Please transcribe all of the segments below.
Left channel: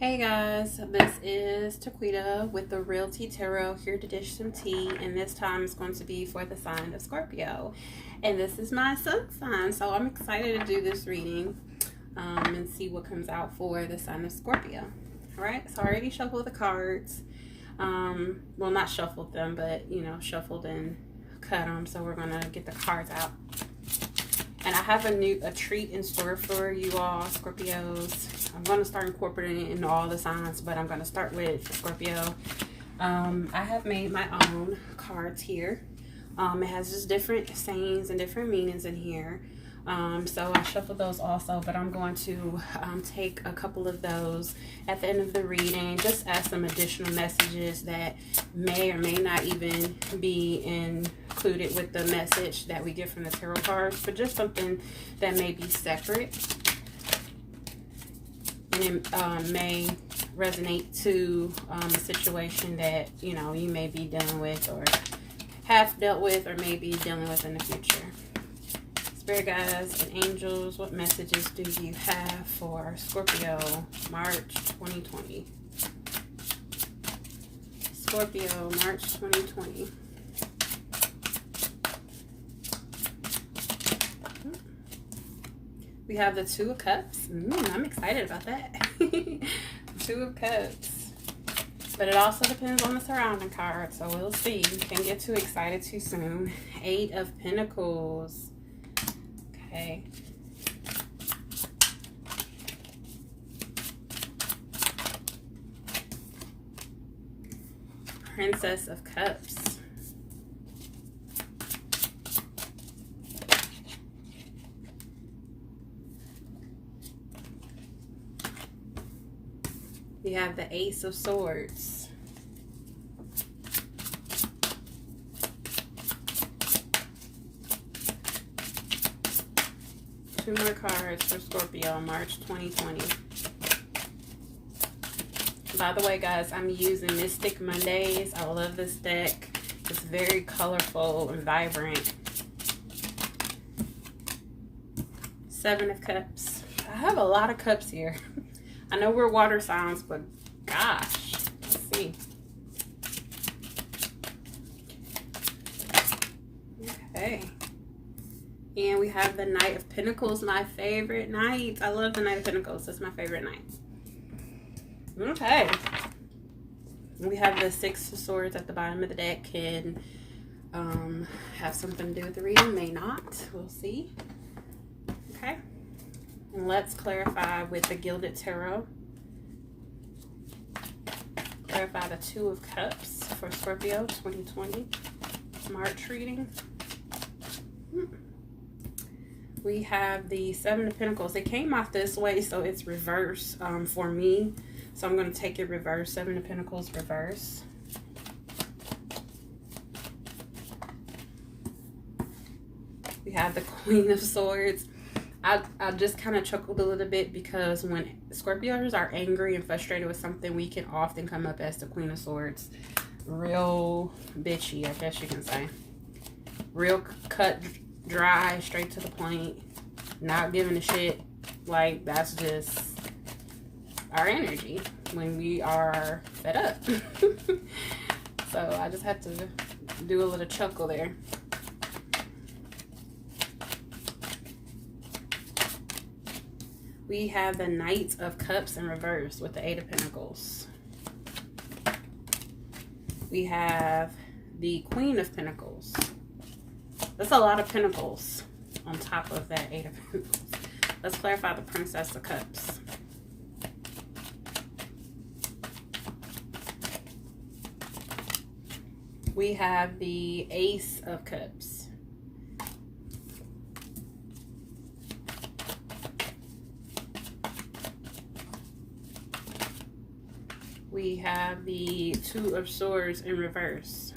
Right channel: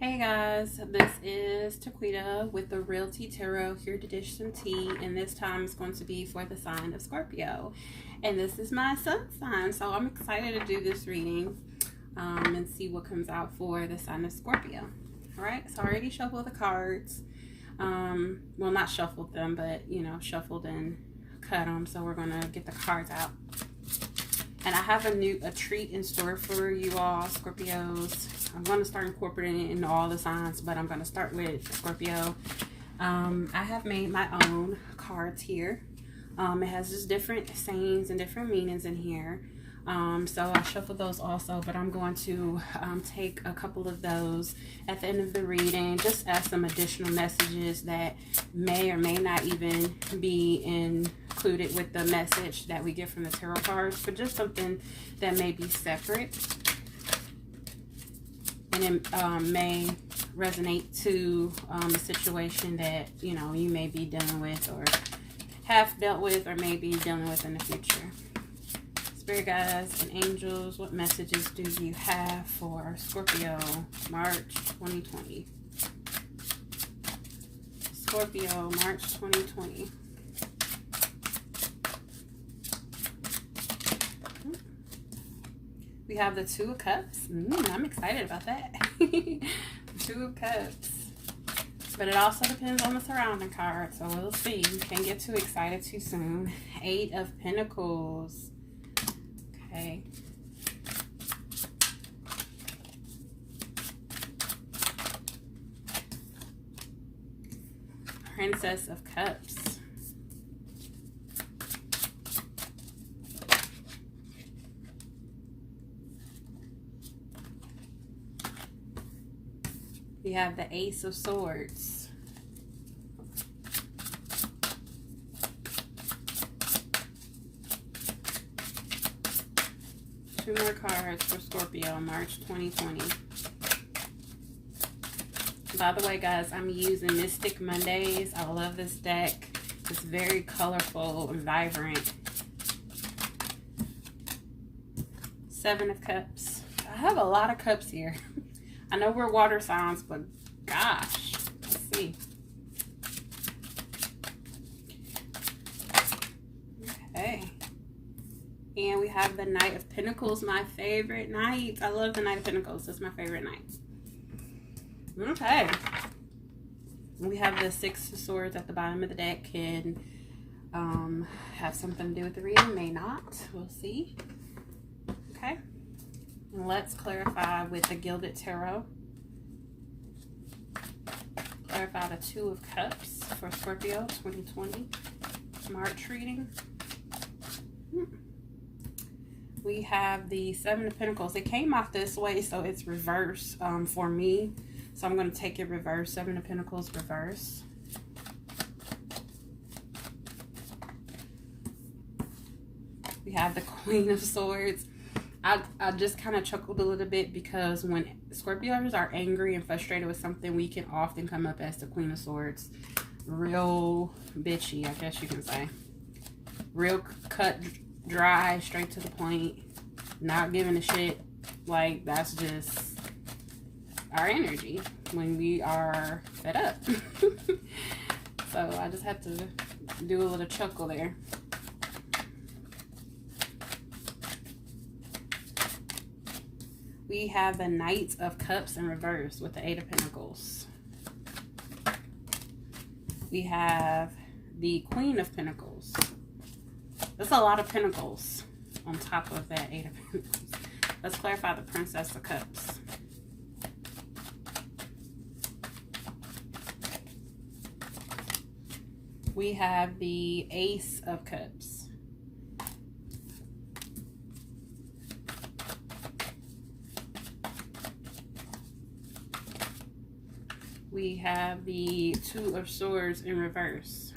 Hey guys, this is Taquita with the Realty Tarot here to dish some tea, and this time it's going to be for the sign of Scorpio. And this is my sun sign, so I'm excited to do this reading and see what comes out for the sign of Scorpio. Alright, so I already shuffled the cards. Well, not shuffled them, but shuffled and cut them. So we're gonna get the cards out. And I have a treat in store for you all, Scorpios. I'm going to start incorporating it into all the signs, but I'm going to start with Scorpio. I have made my own cards here. It has just different sayings and different meanings in here. So I shuffled those also, but I'm going to take a couple of those at the end of the reading, just as some additional messages that may or may not even be included with the message that we get from the tarot cards, but just something that may be separate and it may resonate to a situation that you may be dealing with or have dealt with or may be dealing with in the future. Spirit guides and angels, what messages do you have for Scorpio, March 2020? Scorpio, March 2020. We have the Two of Cups. I'm excited about that. Two of Cups. But it also depends on the surrounding card, so we'll see. You can't get too excited too soon. Eight of Pentacles. Okay. Princess of Cups. We have the Ace of Swords. Two more cards for Scorpio, March 2020. By the way, guys, I'm using Mystic Mondays. I love this deck. It's very colorful and vibrant. Seven of Cups. I have a lot of cups here. I know we're water signs, but gosh, let's see. Okay. And we have the Knight of Pentacles, my favorite knight. I love the Knight of Pentacles. That's my favorite knight. Okay. We have the Six of Swords at the bottom of the deck. Can have something to do with the reading, may not. We'll see. Okay. And let's clarify with the Gilded Tarot. Clarify the Two of Cups for Scorpio 2020 March reading. We have the Seven of Pentacles. It came out this way, so it's reverse for me. So I'm going to take it reverse. Seven of Pentacles reverse. We have the Queen of Swords. I just kind of chuckled a little bit because when Scorpios are angry and frustrated with something, we can often come up as the Queen of Swords. Real bitchy, I guess you can say. Real cut, dry, straight to the point. Not giving a shit. Like, that's just our energy when we are fed up. So I just had to do a little chuckle there. We have the Knight of Cups in reverse with the Eight of Pentacles. We have the Queen of Pentacles. That's a lot of pentacles on top of that Eight of Pentacles. Let's clarify the Princess of Cups. We have the Ace of Cups. We have the Two of Swords in reverse.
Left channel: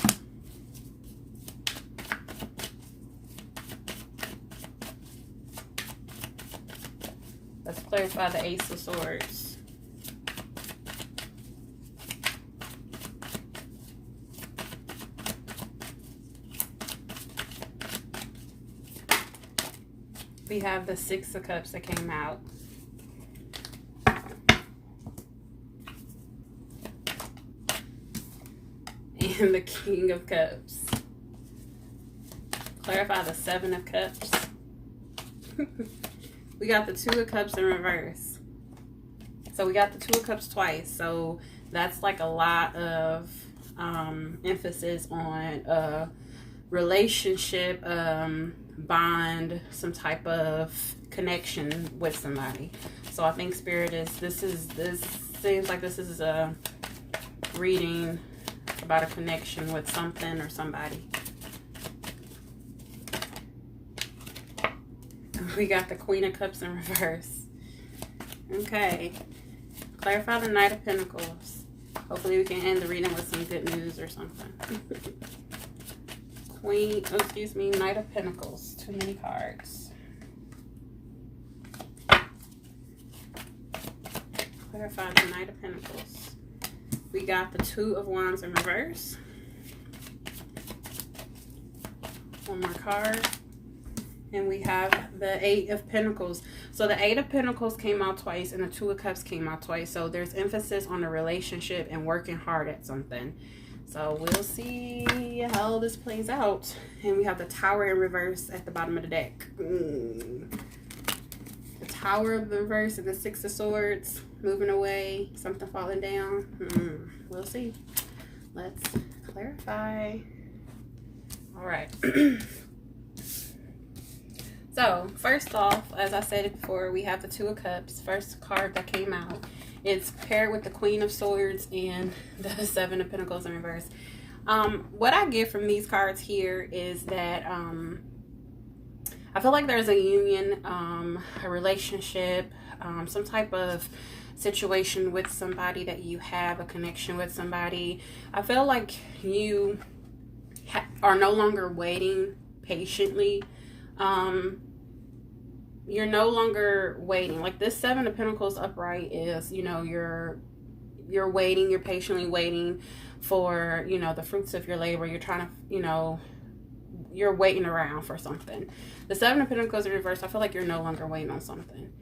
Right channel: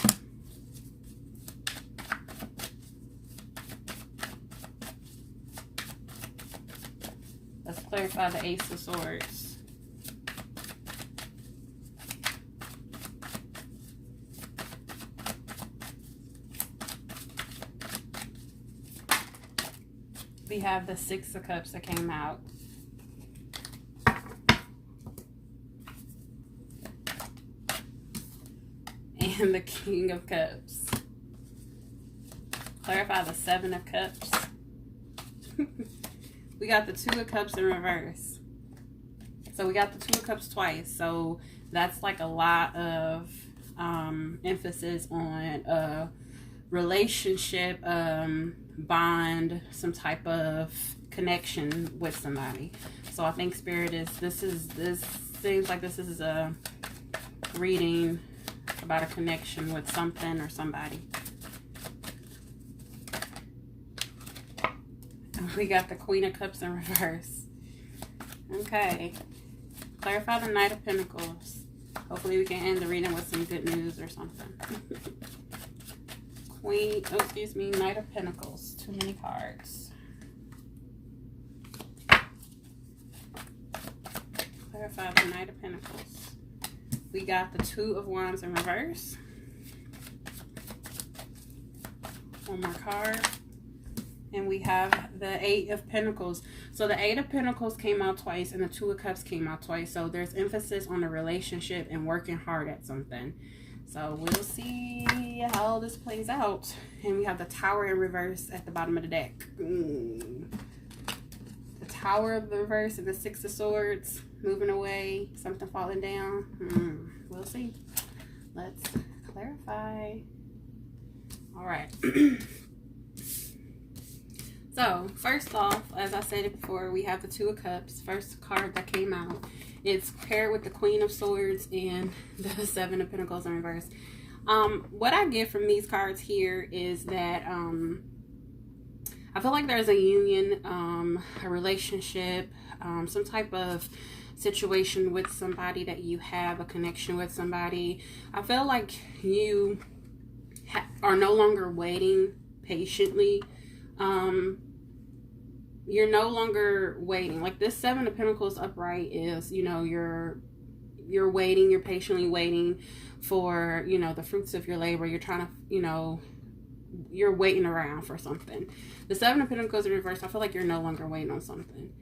Let's clarify the Ace of Swords. We have the Six of Cups that came out. and the King of Cups. Clarify the Seven of Cups. We got the Two of Cups in reverse. So we got the Two of Cups twice. So that's like a lot of emphasis on a relationship, bond, some type of connection with somebody. So I think Spirit is, this seems like this is a reading about a connection with something or somebody. We got the Queen of Cups in reverse. Okay. Clarify the Knight of Pentacles. Hopefully we can end the reading with some good news or something. Knight of Pentacles. Too many cards. Clarify the Knight of Pentacles. We got the Two of Wands in reverse. One more card. And we have the Eight of Pentacles. So the Eight of Pentacles came out twice and the Two of Cups came out twice. So there's emphasis on a relationship and working hard at something. So we'll see how this plays out. And we have the Tower in reverse at the bottom of the deck. The Tower of the reverse and the Six of Swords. Moving away. Something falling down. We'll see. Let's clarify. All right. So, first off, as I said it before, we have the Two of Cups. First card that came out. It's paired with the Queen of Swords and the Seven of Pentacles in reverse. What I get from these cards here is that I feel like there's a union, a relationship, some type of situation with somebody that you have, a connection with somebody. I feel like you are no longer waiting patiently. You're no longer waiting. Like this Seven of Pentacles upright is, you know, you're waiting, you're patiently waiting for, you know, the fruits of your labor. You're trying to, you know, you're waiting around for something. The Seven of Pentacles in reverse, I feel like you're no longer waiting on something.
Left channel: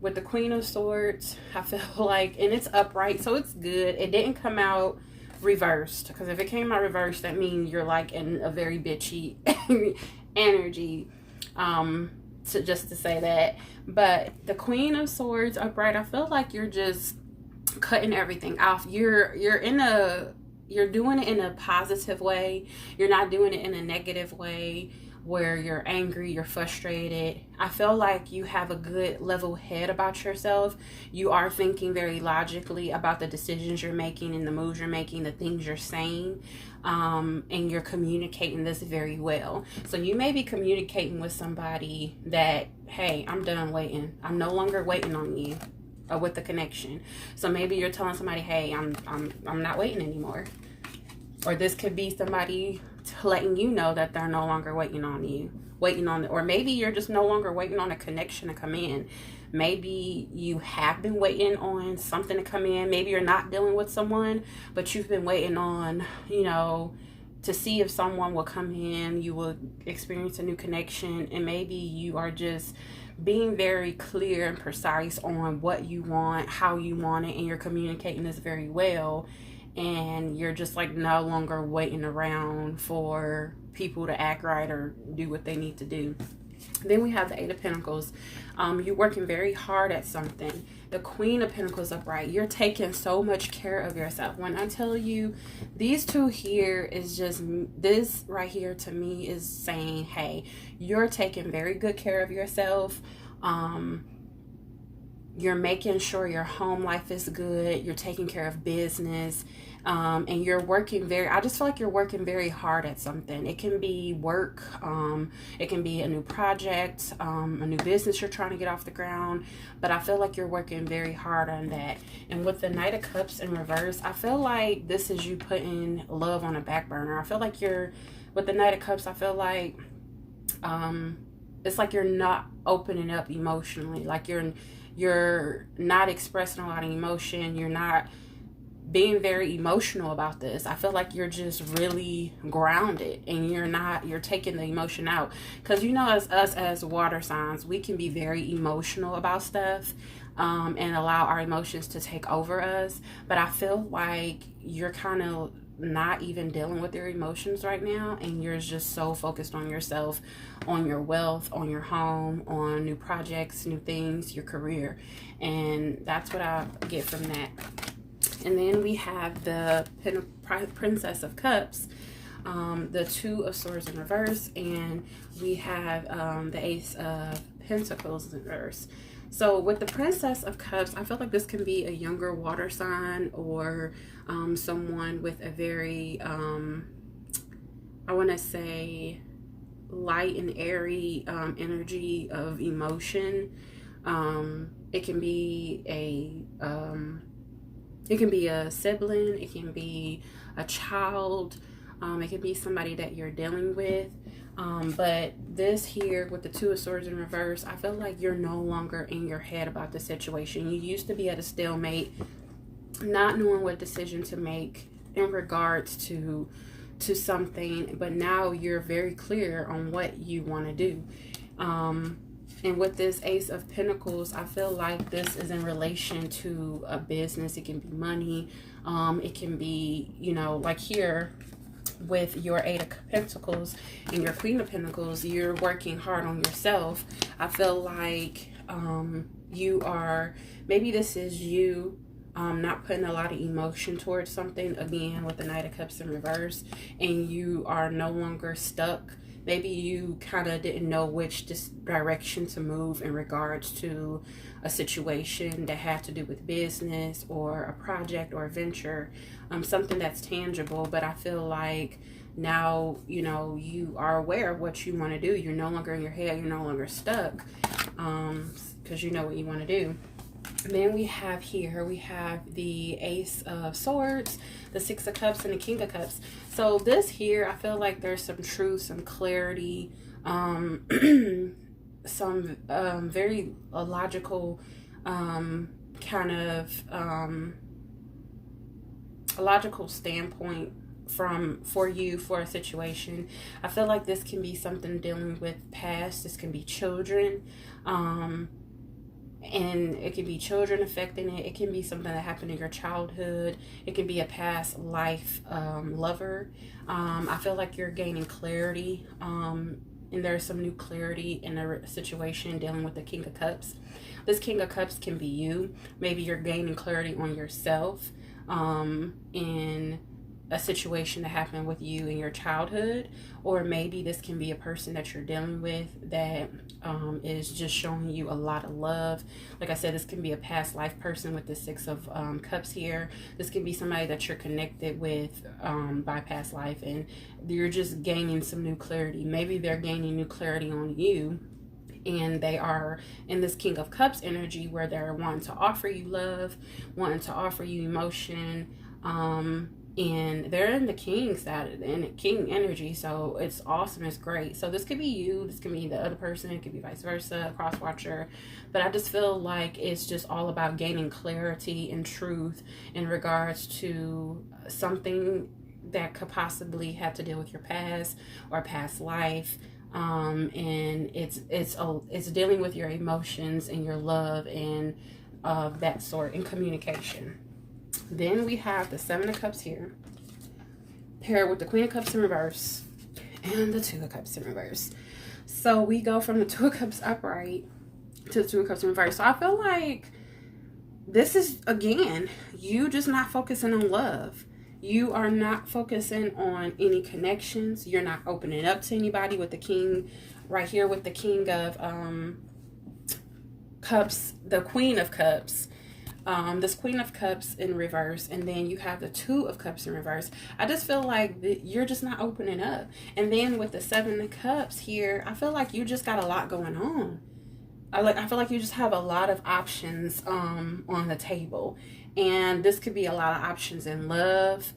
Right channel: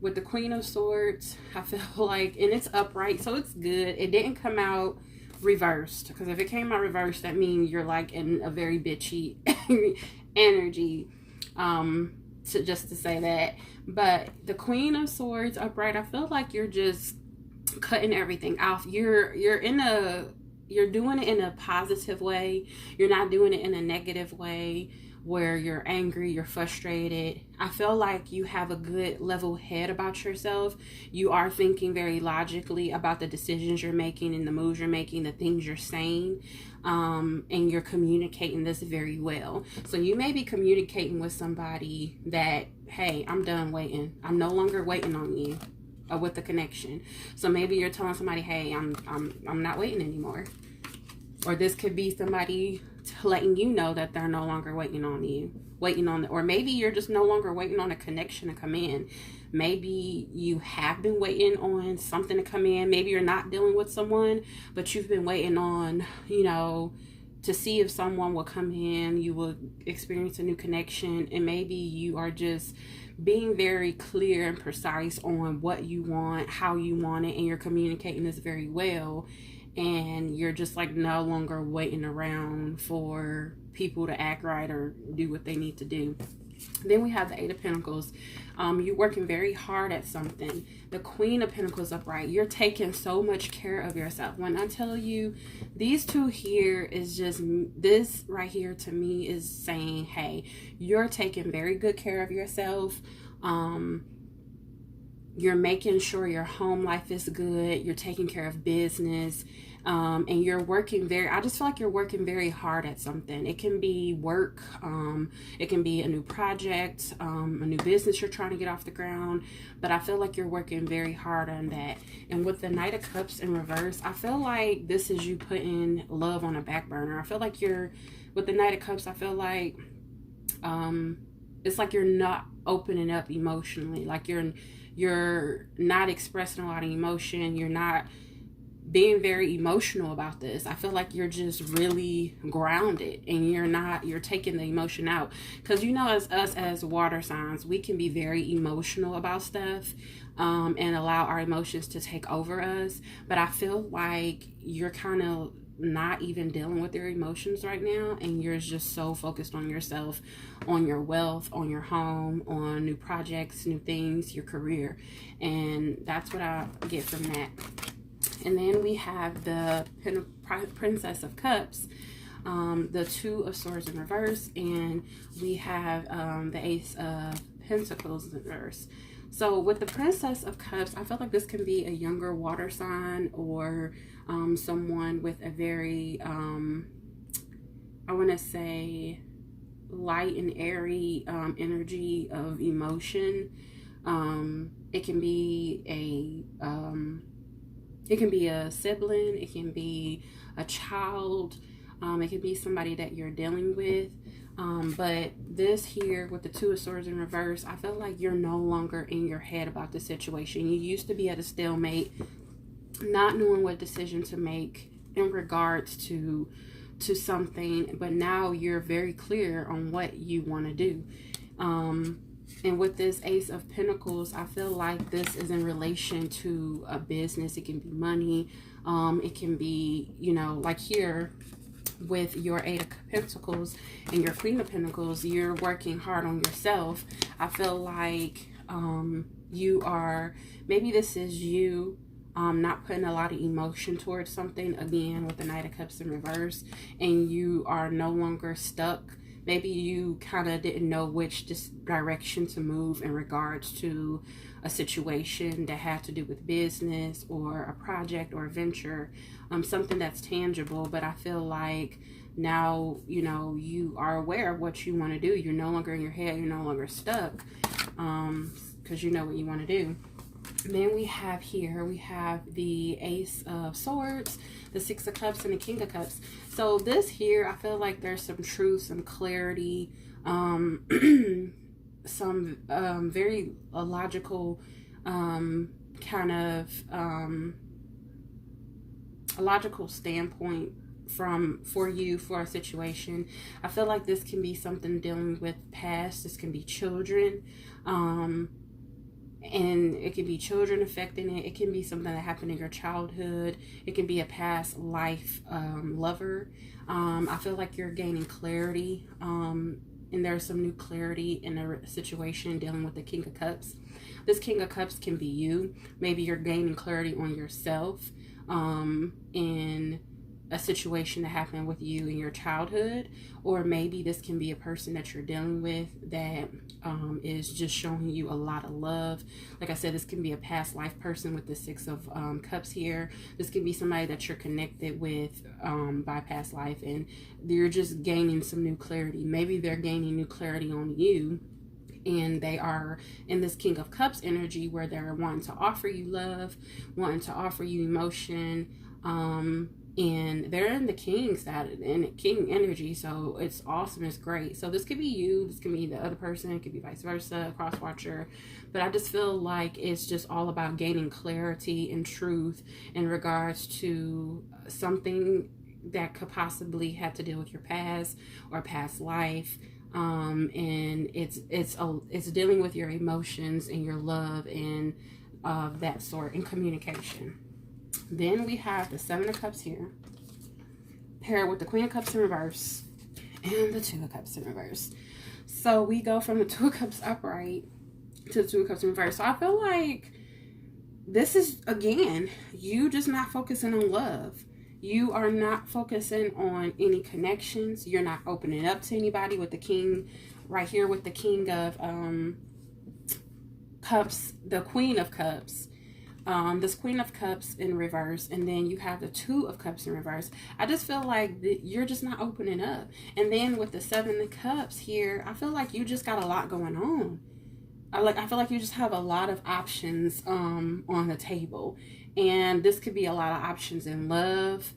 With the Queen of Swords, I feel like, and it's upright, so it's good. It didn't come out reversed, because if it came out reversed, that means you're like in a very bitchy energy. To say that. But the Queen of Swords upright, I feel like you're just cutting everything off. You're doing it in a positive way. You're not doing it in a negative way where you're angry, you're frustrated. I feel like you have a good level head about yourself. You are thinking very logically about the decisions you're making and the moves you're making, the things you're saying. And you're communicating this very well. So you may be communicating with somebody that, hey, I'm done waiting. I'm no longer waiting on you with the connection. So maybe you're telling somebody, hey, I'm not waiting anymore. Or this could be somebody letting you know that they're no longer waiting on you. Or maybe you're just no longer waiting on a connection to come in. Maybe you have been waiting on something to come in. Maybe you're not dealing with someone, but you've been waiting on, you know, to see if someone will come in, you will experience a new connection, and maybe you are just being very clear and precise on what you want, how you want it, and you're communicating this very well, and you're just like no longer waiting around for people to act right or do what they need to do. Then we have the Eight of Pentacles. You're working very hard at something. The Queen of Pentacles upright. You're taking so much care of yourself. When I tell you, these two here is just, this right here to me is saying, hey, you're taking very good care of yourself. You're making sure your home life is good. You're taking care of business. And you're working I just feel like you're working very hard at something. It can be work, it can be a new project, a new business you're trying to get off the ground, but I feel like you're working very hard on that. And with the Knight of Cups in reverse, I feel like this is you putting love on a back burner. I feel like with the Knight of Cups, I feel like, it's like you're not opening up emotionally. Like you're not expressing a lot of emotion. You're not being very emotional about this. I feel like you're just really grounded, and you're taking the emotion out. Because you know, as water signs, we can be very emotional about stuff, and allow our emotions to take over us. But I feel like you're kind of not even dealing with your emotions right now, and you're just so focused on yourself, on your wealth, on your home, on new projects, new things, your career. And that's what I get from that. And then we have the Princess of Cups, the Two of Swords in reverse, and we have the Ace of Pentacles in reverse. So with the Princess of Cups, I feel like this can be a younger water sign, or someone with a very, I want to say, light and airy energy of emotion. It can be a sibling, it can be a child, it can be somebody that you're dealing with. But this here with the Two of Swords in reverse, I feel like you're no longer in your head about the situation. You used to be at a stalemate, not knowing what decision to make in regards to something, but now you're very clear on what you want to do. And with this Ace of Pentacles, I feel like this is in relation to a business. It can be money. It can be, you know, like here with your Eight of Pentacles and your Queen of Pentacles, you're working hard on yourself. I feel like you are, maybe this is you not putting a lot of emotion towards something, again with the Knight of Cups in reverse, and you are no longer stuck. Maybe you kind of didn't know which direction to move in regards to a situation that had to do with business or a project or a venture, something that's tangible. But I feel like now, you know, you are aware of what you want to do. You're no longer in your head. You're no longer stuck, because you know what you want to do. Then we have here, we have the Ace of Swords, the Six of Cups, and the King of Cups. So this here, I feel like there's some truth, some clarity, some very logical kind of a logical standpoint for you for a situation. I feel like this can be something dealing with past. This can be children. And it can be children affecting it. It can be something that happened in your childhood. It can be a past life lover. I feel like you're gaining clarity, and there's some new clarity in a situation dealing with the King of Cups. This King of Cups can be you. Maybe you're gaining clarity on yourself in a situation that happened with you in your childhood, or maybe this can be a person that you're dealing with that is just showing you a lot of love. Like I said, this can be a past life person with the Six of Cups here. This can be somebody that you're connected with by past life, and you're just gaining some new clarity. Maybe they're gaining new clarity on you, and they are in this King of Cups energy where they're wanting to offer you love, wanting to offer you emotion, and they're in the King side and King energy, so it's awesome. It's great. So this could be you, this could be the other person, it could be vice versa, cross watcher. But I just feel like it's just all about gaining clarity and truth in regards to something that could possibly have to deal with your past or past life. And it's dealing with your emotions and your love and that sort, and communication. Then we have the Seven of Cups here, paired with the Queen of Cups in reverse and the Two of Cups in reverse. So we go from the Two of Cups upright to the Two of Cups in reverse. So I feel like this is, again, you just not focusing on love. You are not focusing on any connections. You're not opening up to anybody with the King right here, with the King of Cups, the Queen of Cups. This Queen of Cups in reverse, and then you have the Two of Cups in reverse. I just feel like you're just not opening up. And then with the Seven of Cups here, I feel like you just got a lot going on. I feel like you just have a lot of options on the table, and this could be a lot of options in love.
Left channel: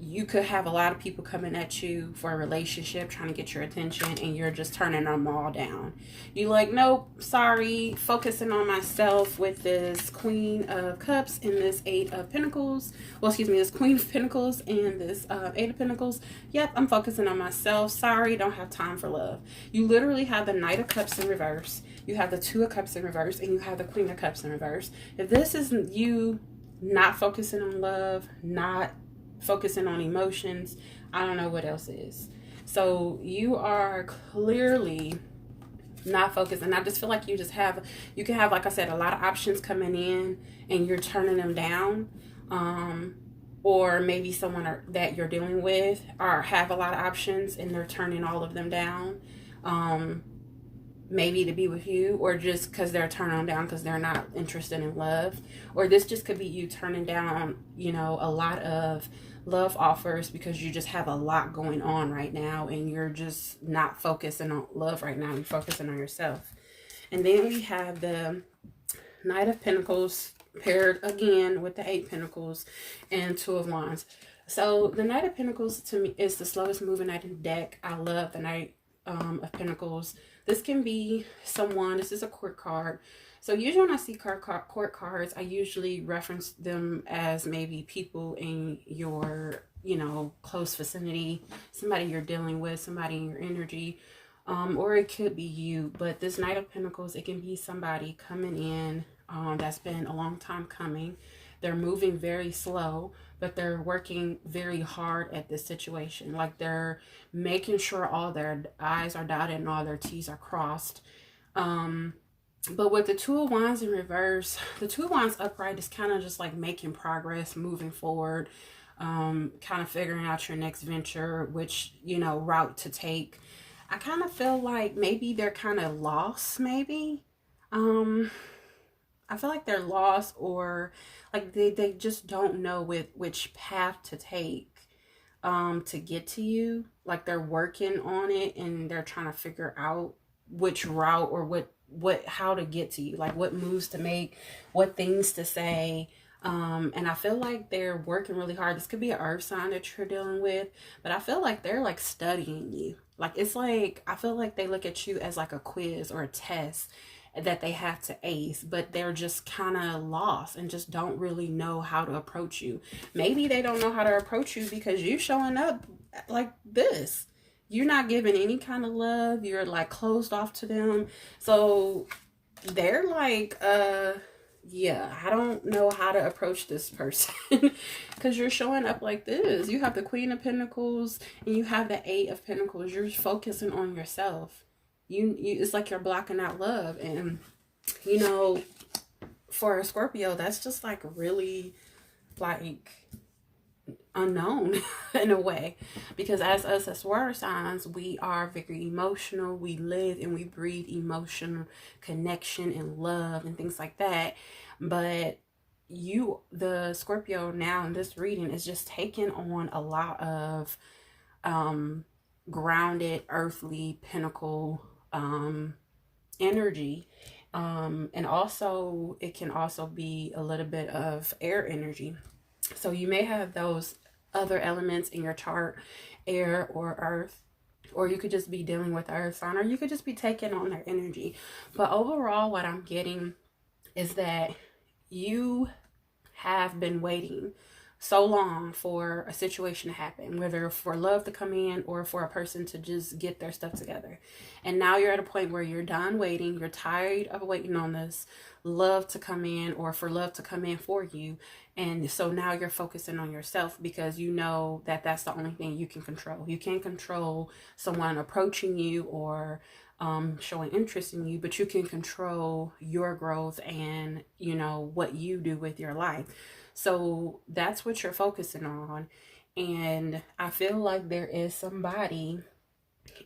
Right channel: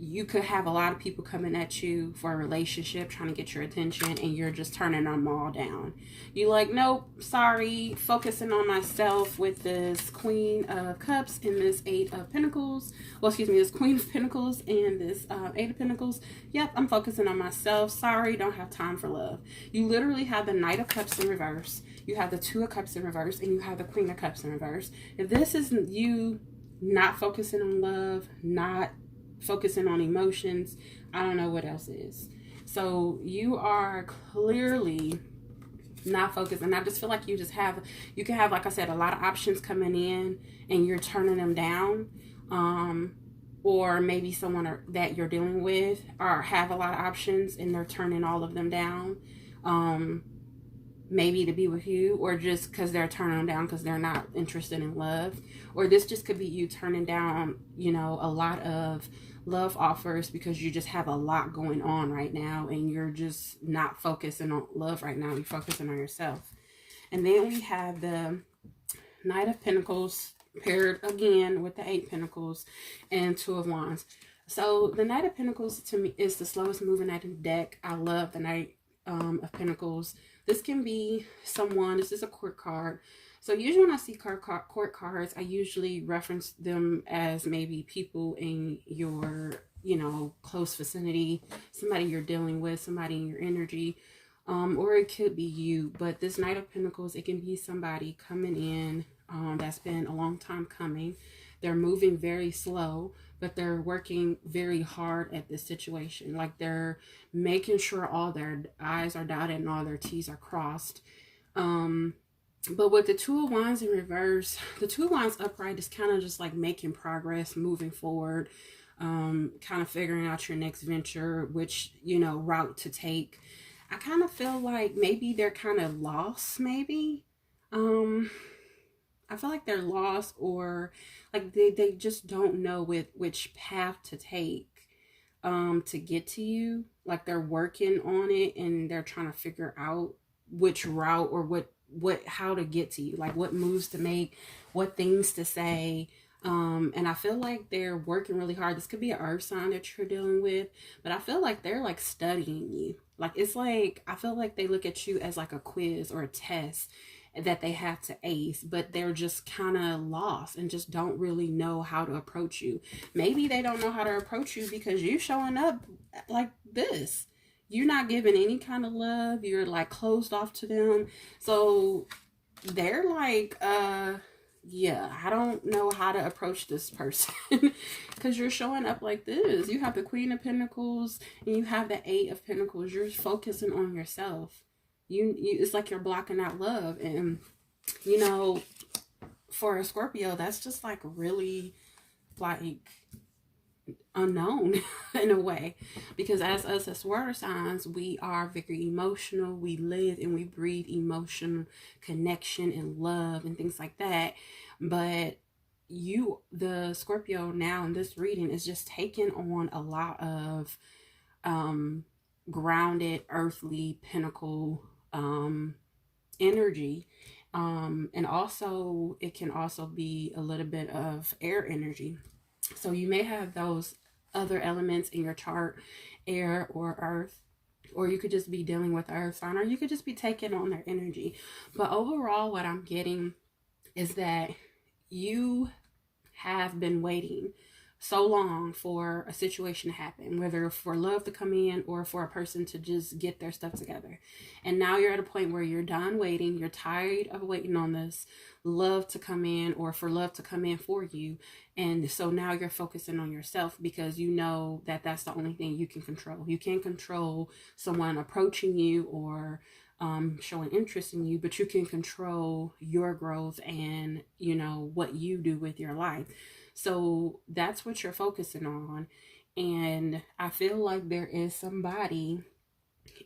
You could have a lot of people coming at you for a relationship, trying to get your attention, and you're just turning them all down. You're like, nope, sorry, focusing on myself with this Queen of Cups and this Eight of Pentacles. Well, excuse me, this Queen of Pentacles and this Eight of Pentacles. Yep, I'm focusing on myself. Sorry, don't have time for love. You literally have the Knight of Cups in reverse. You have the Two of Cups in reverse, and you have the Queen of Cups in reverse. If this isn't you not focusing on love, not focusing on emotions. I don't know what else is. So you are clearly not focused, and I just feel like you can have, like I said, a lot of options coming in and you're turning them down. Or maybe someone that you're dealing with or have a lot of options and they're turning all of them down. Maybe to be with you, or just because they're turning them down because they're not interested in love. Or this just could be you turning down, a lot of love offers because you just have a lot going on right now and you're just not focusing on love right now. You're focusing on yourself. And then we have the Knight of Pentacles paired again with the 8 Pentacles and 2 of Wands. So the Knight of Pentacles to me is the slowest moving knight in the deck. I love the Knight of Pentacles. This can be someone, this is a court card. So usually when I see court cards, I usually reference them as maybe people in your, close vicinity, somebody you're dealing with, somebody in your energy, or it could be you. But this Knight of Pentacles, it can be somebody coming in that's been a long time coming. They're moving very slow, but they're working very hard at this situation. Like they're making sure all their I's are dotted and all their T's are crossed. But with the 2 of Wands in reverse, the 2 of Wands upright is kind of just like making progress, moving forward, kind of figuring out your next venture, which, route to take. I kind of feel like maybe they're kind of lost, maybe. I feel like they're lost, or like they just don't know which path to take to get to you. Like they're working on it and they're trying to figure out which route or how to get to you, like what moves to make, what things to say. And I feel like they're working really hard. This could be an earth sign that you're dealing with, but I feel like they're like studying you. Like it's like, I feel like they look at you as like a quiz or a test that they have to ace, but they're just kind of lost and just don't really know how to approach you. Maybe they don't know how to approach you because you're showing up like this. You're not giving any kind of love. You're like closed off to them. So they're like, yeah, I don't know how to approach this person because you're showing up like this. You have the Queen of Pentacles and you have the 8 of Pentacles. You're focusing on yourself. You it's like you're blocking out love. And for a Scorpio, that's just like really like unknown in a way, because as us as water signs, we are very emotional. We live and we breathe emotional connection and love and things like that. But the Scorpio now in this reading is just taking on a lot of grounded earthly pinnacle energy, and also it can also be a little bit of air energy. So you may have those other elements in your chart, air or earth, or you could just be dealing with earth sign, or you could just be taking on their energy. But overall, what I'm getting is that you have been waiting so long for a situation to happen, whether for love to come in or for a person to just get their stuff together. And now you're at a point where you're done waiting. You're tired of waiting on this love to come in or for love to come in for you. And so now you're focusing on yourself because you know that that's the only thing you can control. You can't control someone approaching you or showing interest in you, but you can control your growth and, what you do with your life. So that's what you're focusing on. And I feel like there is somebody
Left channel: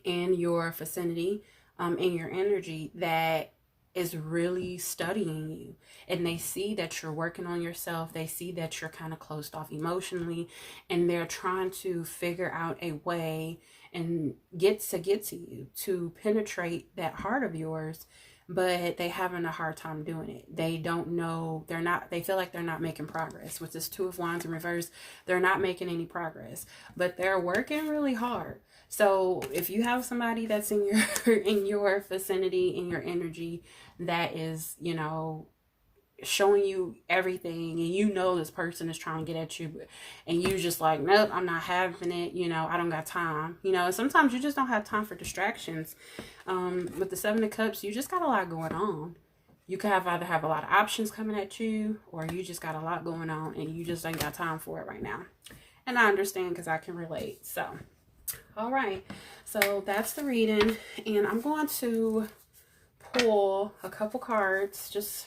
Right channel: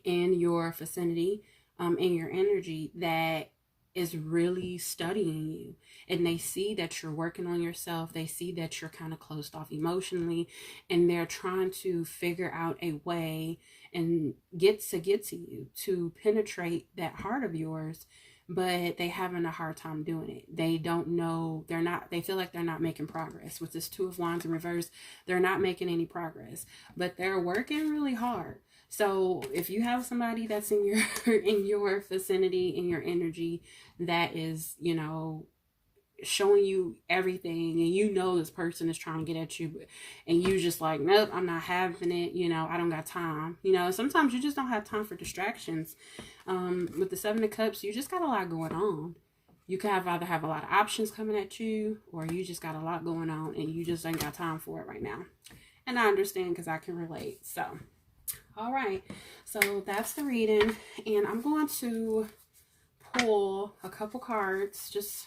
in your vicinity, in your energy, that is really studying you, and they see that you're working on yourself. They see that you're kind of closed off emotionally, and they're trying to figure out a way and get to you, to penetrate that heart of yours, but they having a hard time doing it. They don't know, they feel like they're not making progress. With this 2 of Wands in reverse, they're not making any progress, but they're working really hard. So if you have somebody that's in your vicinity, in your energy, that is, showing you everything, and this person is trying to get at you, and you just like, nope, I'm not having it, I don't got time. Sometimes you just don't have time for distractions. With the 7 of Cups, you just got a lot going on. You could either have a lot of options coming at you, or you just got a lot going on and you just ain't got time for it right now. And I understand because I can relate. So, all right. So that's the reading. And I'm going to pull a couple cards just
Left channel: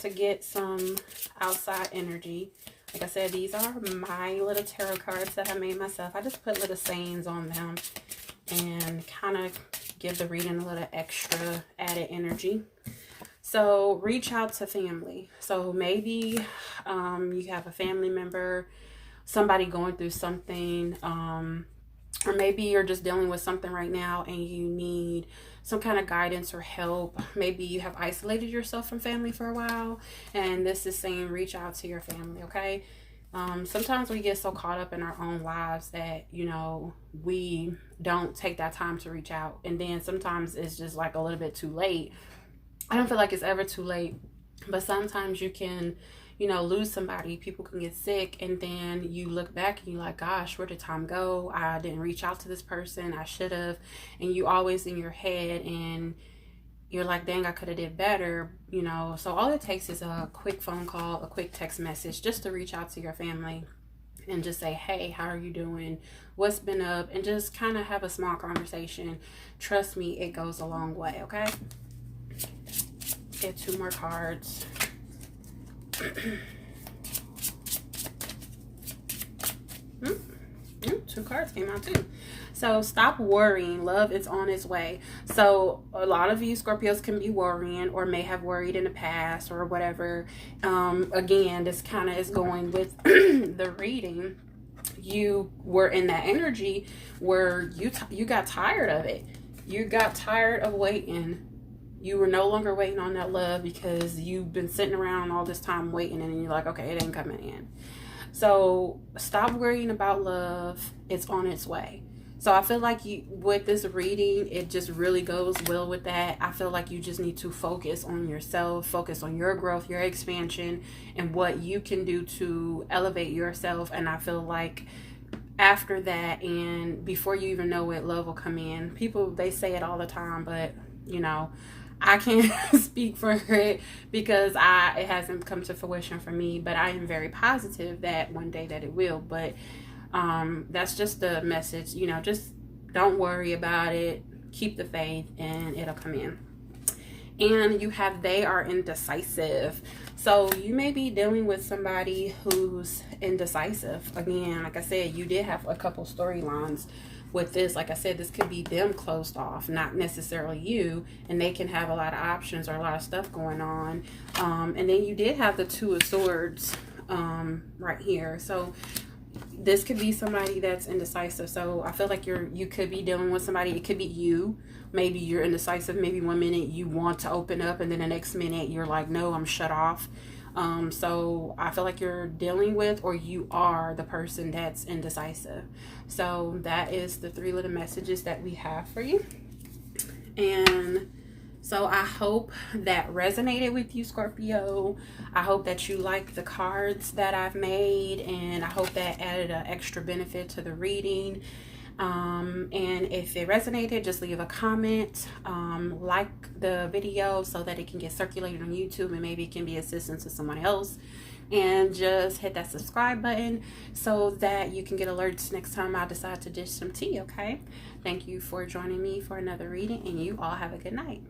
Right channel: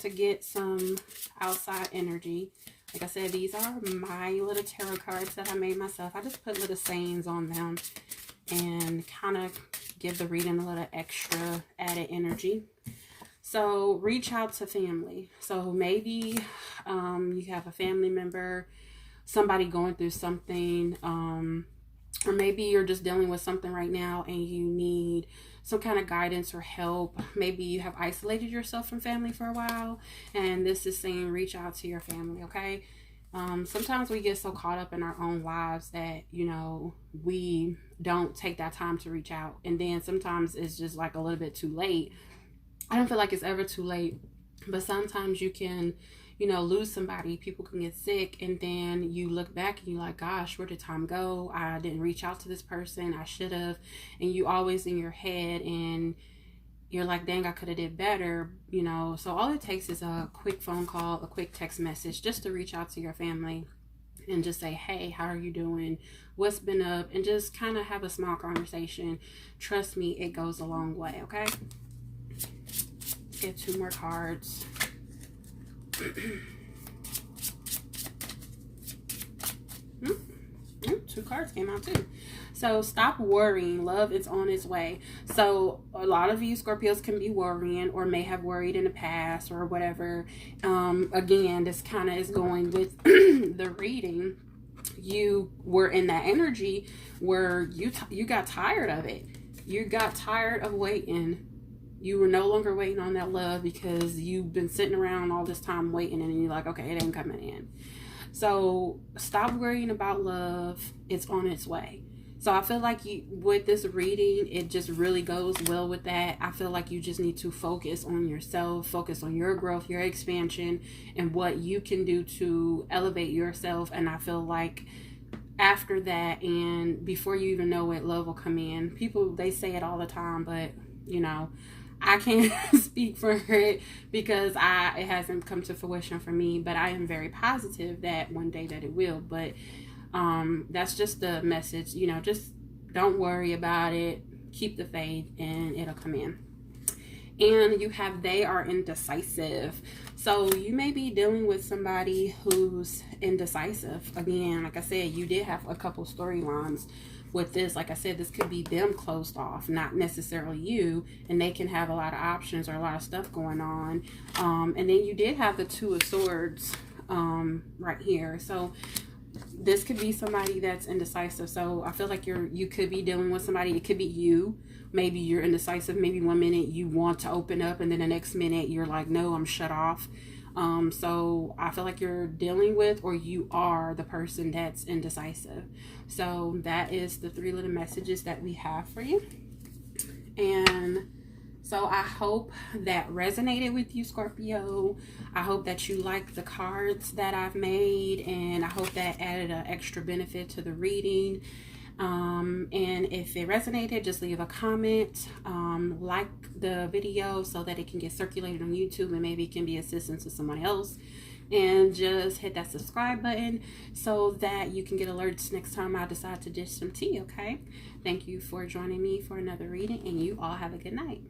to get some outside energy. Like I said, these are my little tarot cards that I made myself. I just put little sayings on them and kind of give the reading a little extra added energy. So reach out to family. So maybe you have a family member, somebody going through something, or maybe you're just dealing with something right now and you need some kind of guidance or help. Maybe you have isolated yourself from family for a while, and this is saying reach out to your family, okay? Sometimes we get so caught up in our own lives that, you know, we don't take that time to reach out. And then sometimes it's just like a little bit too late. I don't feel like it's ever too late, but sometimes you can, you know, lose somebody, people can get sick, and then you look back and you're like, gosh, where did time go? I didn't reach out to this person, I should have. And you always in your head, and you're like, dang, I could have did better, you know. So all it takes is a quick phone call, a quick text message, just to reach out to your family and just say, hey, how are you doing? What's been up? And just kind of have a small conversation. Trust me, it goes a long way, okay? Get 2 more cards. Two cards came out too. So stop worrying. Love is on its way. So a lot of you Scorpios can be worrying or may have worried in the past or whatever. Again, this kind of is going with the reading. You were in that energy where you got tired of it. You got tired of waiting. You were no longer waiting on that love because you've been sitting around all this time waiting, and you're like, okay, it ain't coming in. So stop worrying about love. It's on its way. So I feel like with this reading, it just really goes well with that. I feel like you just need to focus on yourself, focus on your growth, your expansion, and what you can do to elevate yourself. And I feel like after that, and before you even know it, love will come in. People, they say it all the time, but you know, I can't speak for it because it hasn't come to fruition for me, but I am very positive that one day that it will. But that's just the message, you know, just don't worry about it. Keep the faith and it'll come in. And you have, they are indecisive. So you may be dealing with somebody who's indecisive. Again, like I said, you did have a couple storylines with this. Like I said, this could be them closed off, not necessarily you, and they can have a lot of options or a lot of stuff going on. And then you did have the 2 of Swords right here. So this could be somebody that's indecisive. So I feel like you could be dealing with somebody. It could be you. Maybe you're indecisive. Maybe one minute you want to open up, and then the next minute you're like, no, I'm shut off. So I feel like you're dealing with, or you are the person that's indecisive. So that is the 3 little messages that we have for you. And so I hope that resonated with you, Scorpio. I hope that you like the cards that I've made, and I hope that added an extra benefit to the reading. And if it resonated, just leave a comment, like the video so that it can get circulated on YouTube and maybe it can be assistance to someone else. And just hit that subscribe button so that you can get alerts next time I decide to dish some tea, okay? Thank you for joining me for another reading, and you all have a good night.